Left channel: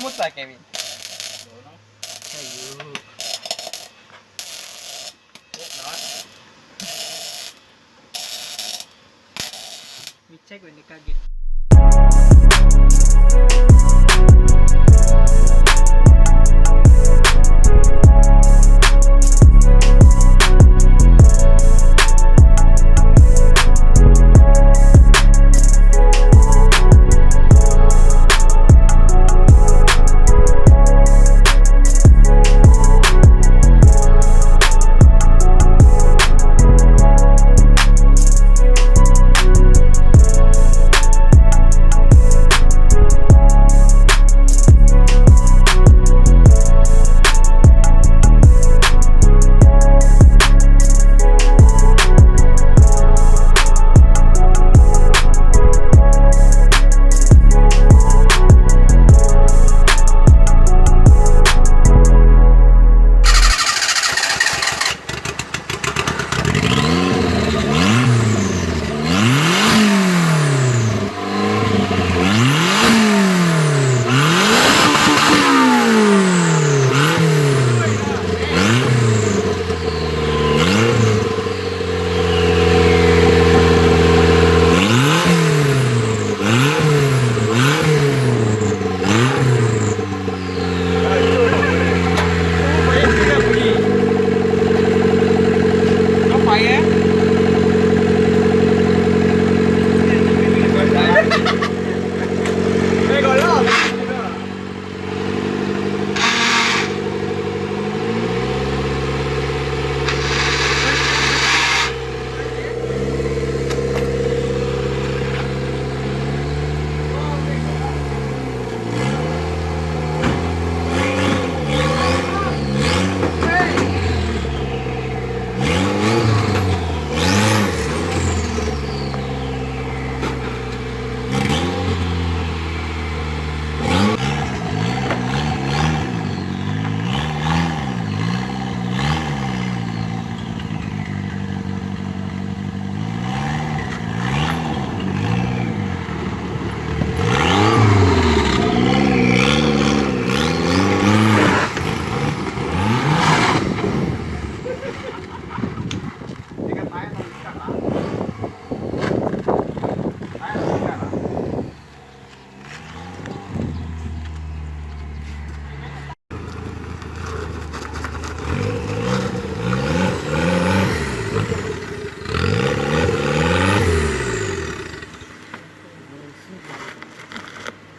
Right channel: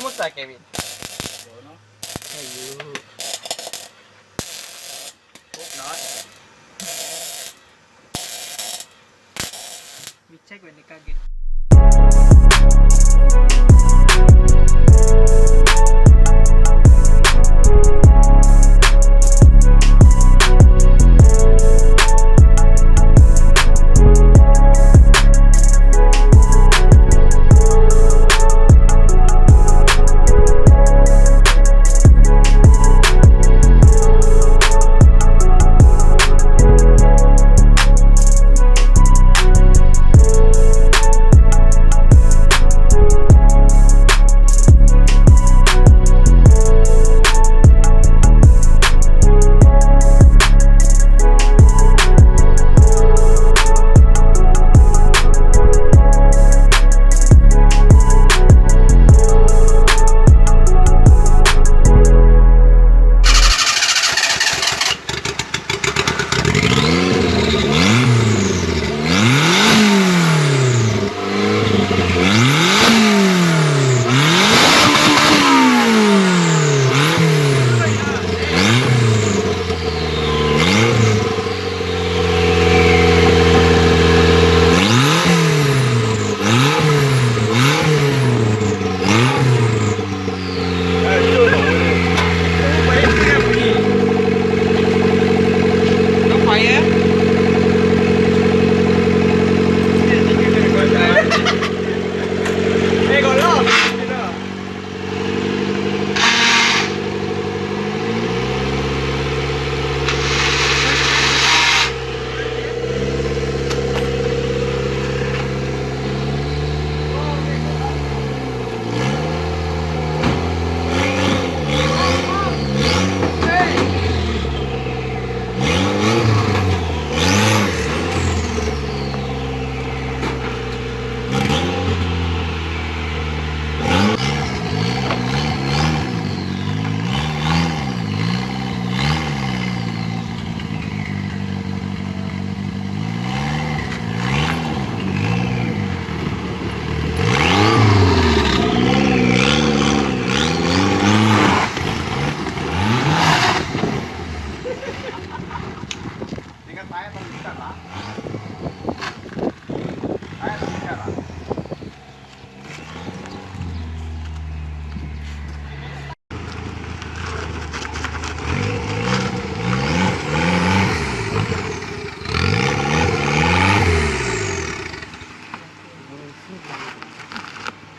ಮುತ್ತ Kevin. ಅಯ್ಯೋ. We check when the car get.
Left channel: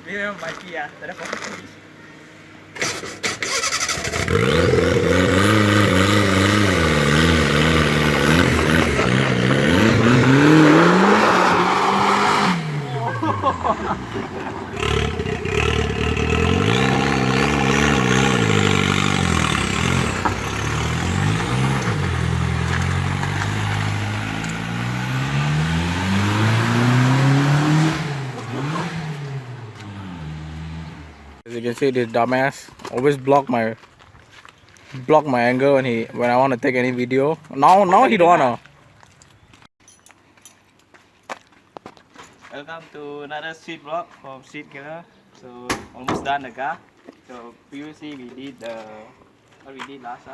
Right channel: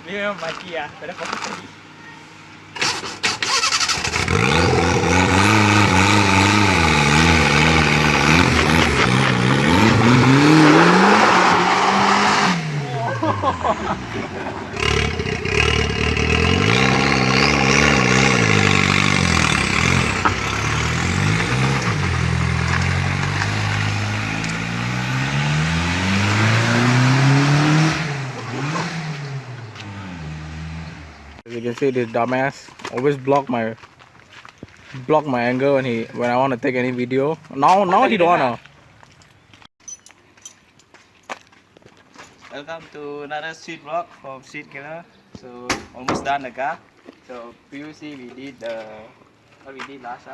Dia mati ya, pada posisi. As you can see, this dumbass always block my angle when I want to take any video. Now he don't wanna. Welcome to another street vlog from StreetVlog. So almost done the car. So previously we did what we did last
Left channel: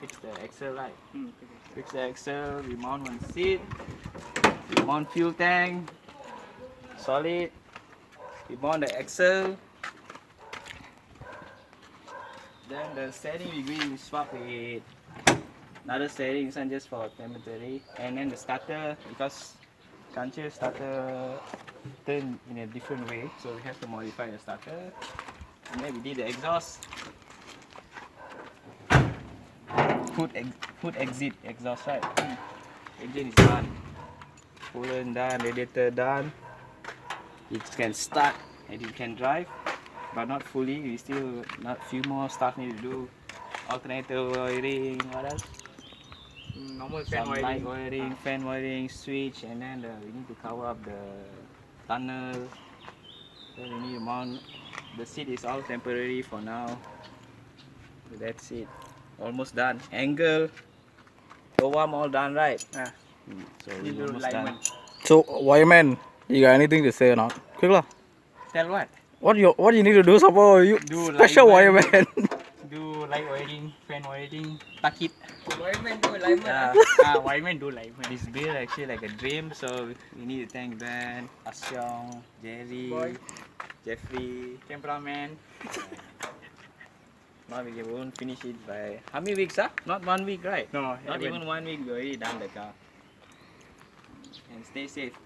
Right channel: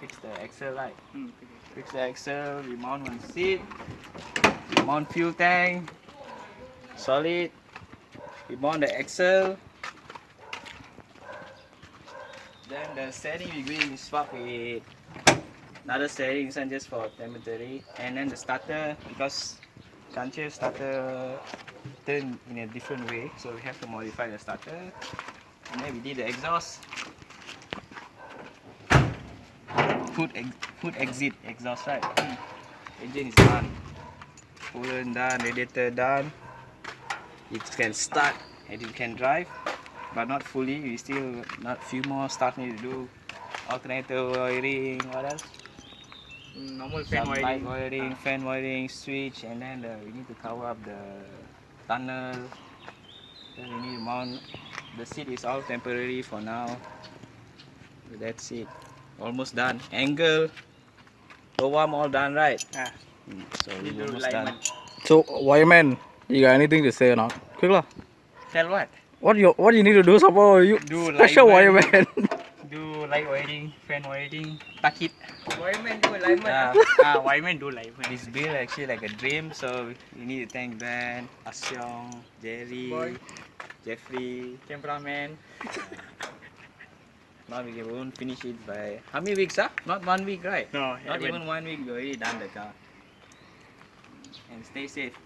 fix the axle light. Fix the axle, we mount one seat, we mount fuel tank, solid, we mount the axle. Then the steering we going to swap with another steering, this one just for temporary. And then the starter, because Kancil starter turn in a different way, so we have to modify the starter. And then we did the exhaust, hood exit exhaust, right? Engine is done, coolant done, radiator done. It can start and it can drive, but not fully. We still not few more stuff need to do. Alternator wiring, what else? Normal fan Some wiring. light wiring, fan wiring, switch, and then we need to cover up the tunnel. Then we need to mount. The seat is all temporary for now. That's it. Almost done. Angle, low arm all done, right? Yeah. So we almost done. So, Wireman, you got anything to say or not? Quick lah. Tell what? What you need to do, Sapo? You Do special live wireman. Do light wiring, fan wiring, tuck it. Wireman do lineman. Wireman do live. This build actually like a dream, so you need to thank Ben, Asyong, Jerry, Boy. Jeffrey. Cameraman. Now we won't finish it by how many weeks? Not 1 week, right? No, Not even 1 week. We already done the car. And stay safe.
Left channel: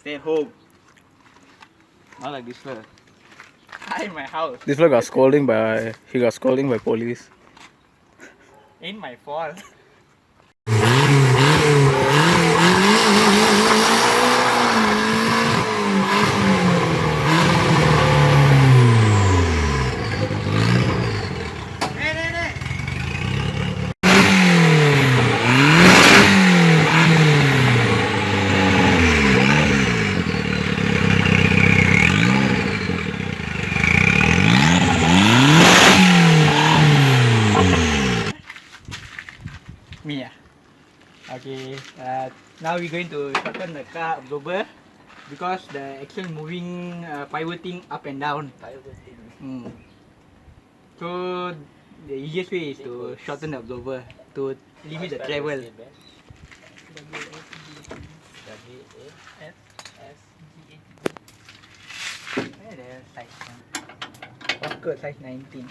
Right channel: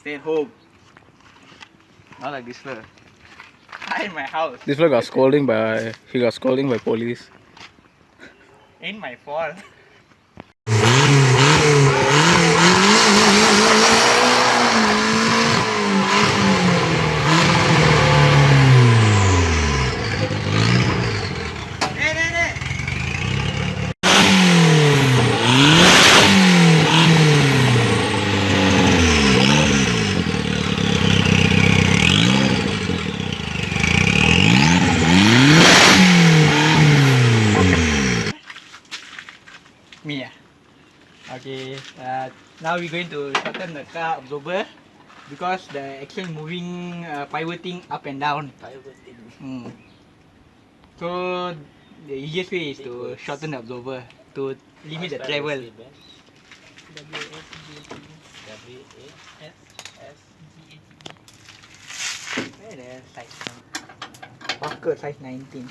Stay at home. Not like this fella. I in my house. This fella got scolding by police. Ain't my fault. Me. Okay. Now we're going to shorten the car absorber because the axle moving, pivoting up and down. So the easiest way is to shorten the absorber to limit the travel. Walker size 19.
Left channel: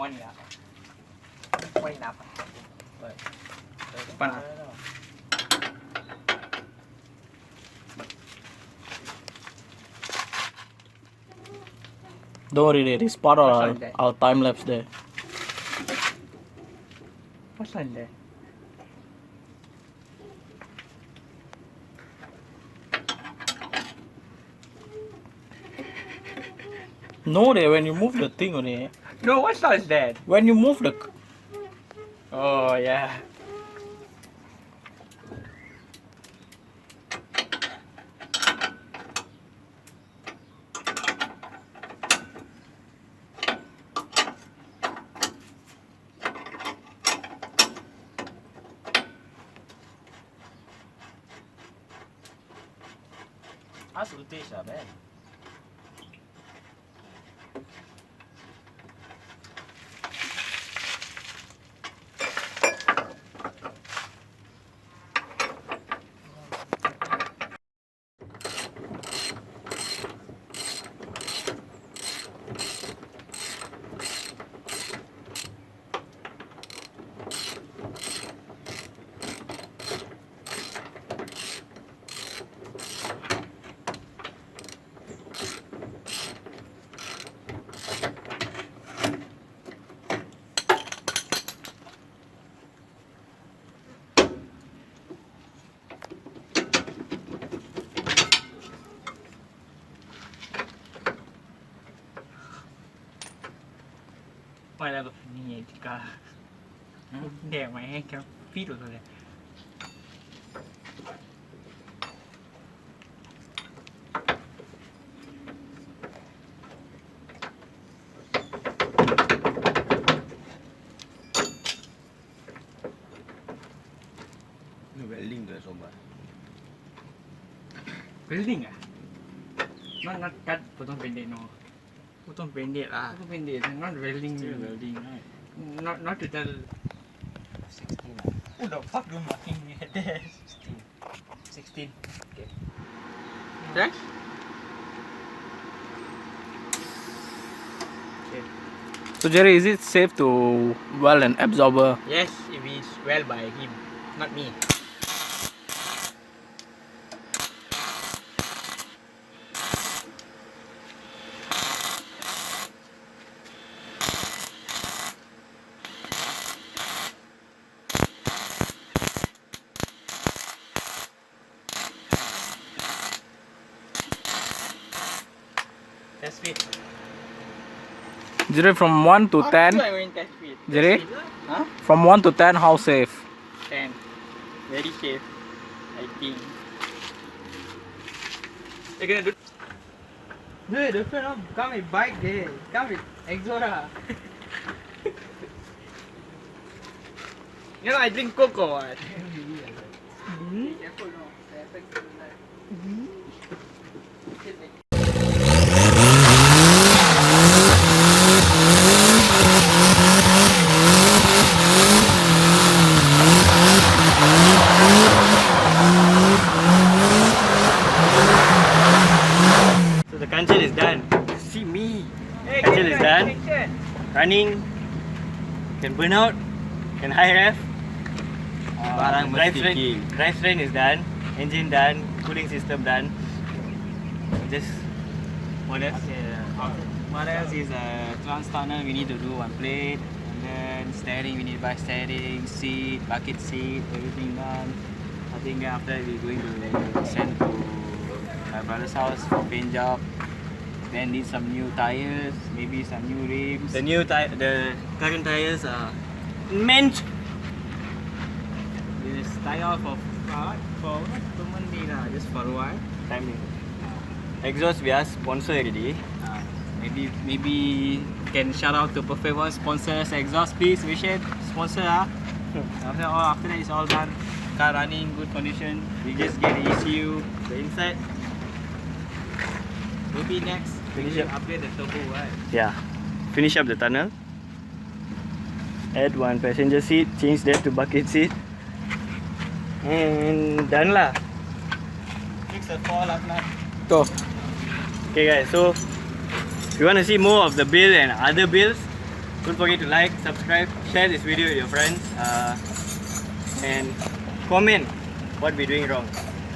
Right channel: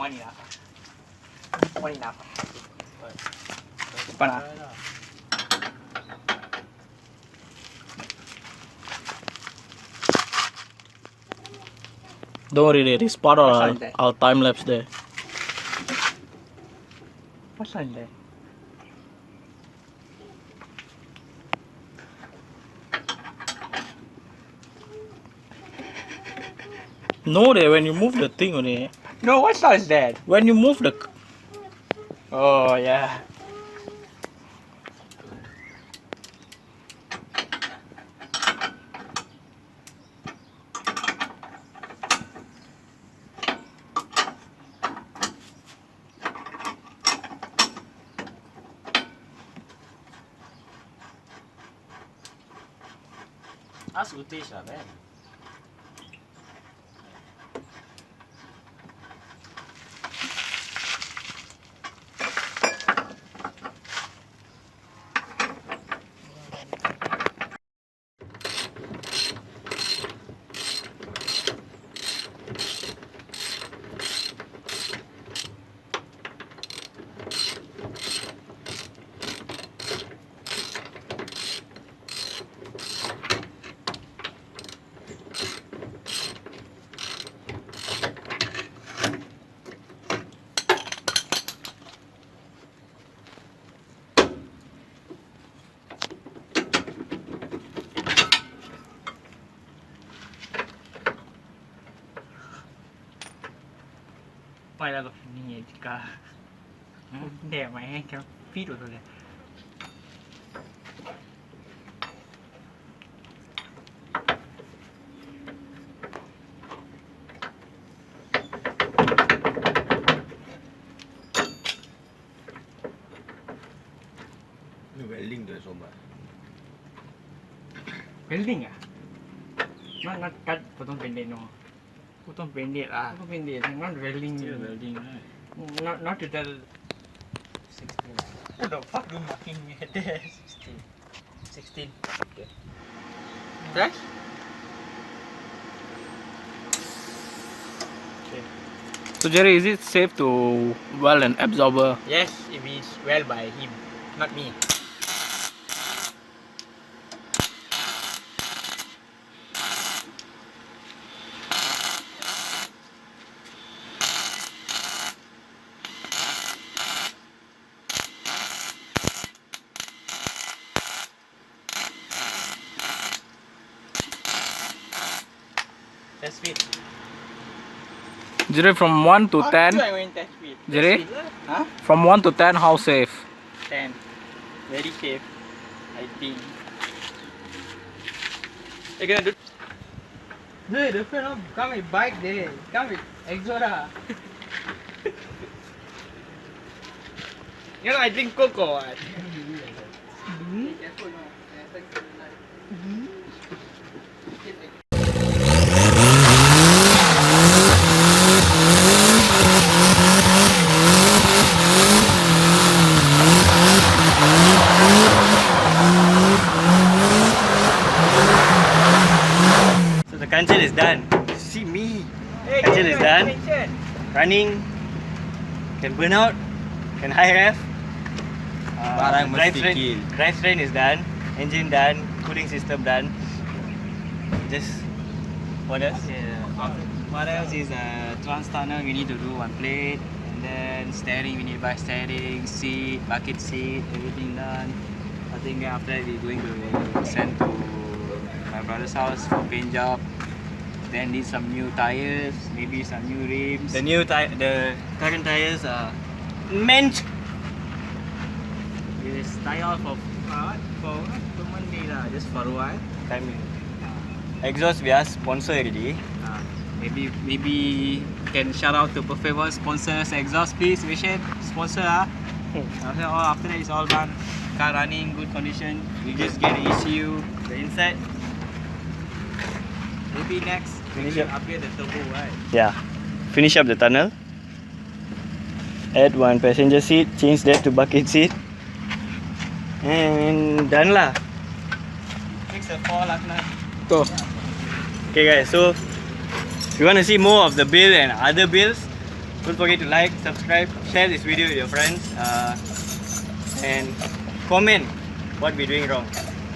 One enough. One enough. Depan. Don't worry, there is part of What's on there? our time lapse there. What's on there? No, there when you move the thing only. No, what saw is that? When you move the Oh yeah. Ask Utesh, Ben. Why love ni tika? There, my hand can feed over there. Welding there so much. Building ah? Not cut potong pendek no. Potong pendek lah. Potong pendek, not welding. Still welding, right? Not to tell. 16. Who the fuck do marking at there? 16. Okay. Right? So Jerry, is it safe to weld an absorber? Yes, if it's well by him, not me. Test speed. Jerry, from 1 to 10. I went test speed. Jerry, Huh? from 1 to 10, how safe? 10. Very safe, I think. You gonna do? Dude, the friend come with bike there. Come with Exora. You know, I drink cocoa. So the Kancil is done. See me. Kancil is done. Running. Can burn out. Can high ref. Drivetrain is done. Engine done. Cooling system done. Just what else? What else is trans tunnel? We need to do one plate. And then steering, we need to buy steering, seat, bucket seat, everything done. I think after that we're going to send to my brother's house for paint job. Then need some new tires, maybe some new rims. The current tires are meant. This tire for just for a while. Time. Exhaust we are sponsor already. Maybe can shout out to Perfect One sponsors exhaust please. We should sponsor after that it's all done. Car running, good condition. We just get the ECU, the inside. Maybe next we will upgrade the turbo, right? Yeah. Finish up the tunnel. Add one passenger seat, change that to bucket seat. And done lah. Fix the fall last night. Okay guys, so if you want to see more of the build and other builds, don't forget to like, subscribe, share this video with your friends, and comment what we're doing wrong.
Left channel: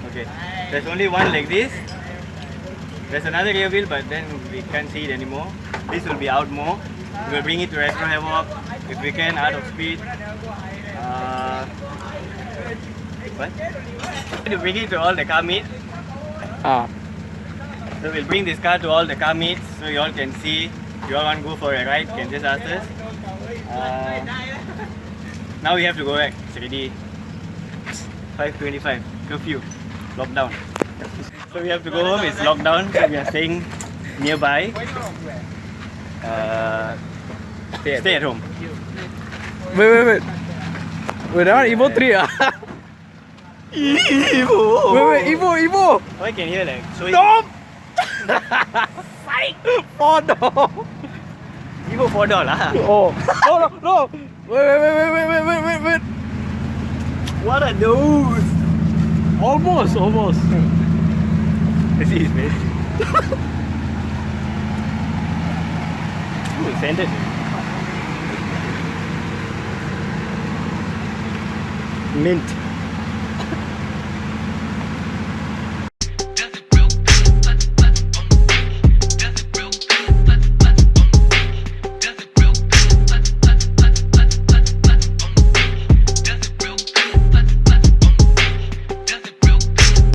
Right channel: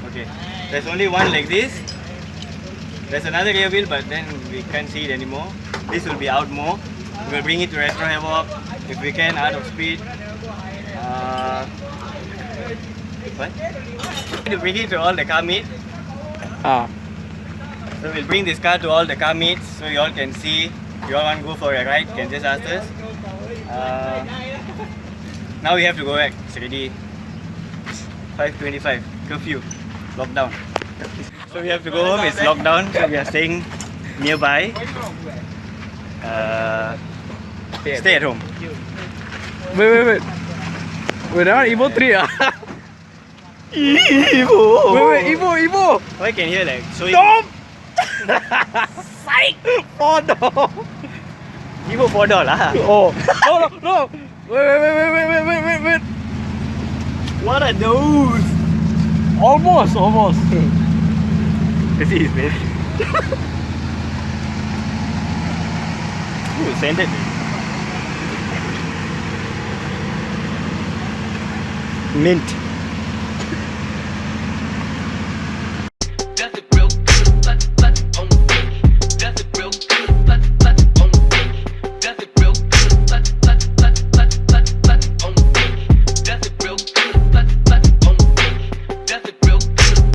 Okay, there's only one like this. There's another rear wheel, but then we can't see it anymore. This will be out more. We will bring it to retro havoc if we can, out of speed. What? To bring it to all the car meets. So we'll bring this car to all the car meets so you all can see. If you all want to go for a ride, you can just ask us. Now we have to go back. It's already 5:25. Curfew. Lockdown. So we have to go home. It's lockdown. So we are staying nearby. Stay at home. Wait. Wait, that one Evo 3 Evo! Wait, Evo! I can hear like so. Stop! Psych! 4-door! Evo 4-door lah. Oh! No! Wait! What are those? Almost. Let's see his face. Ooh, scented. Mint.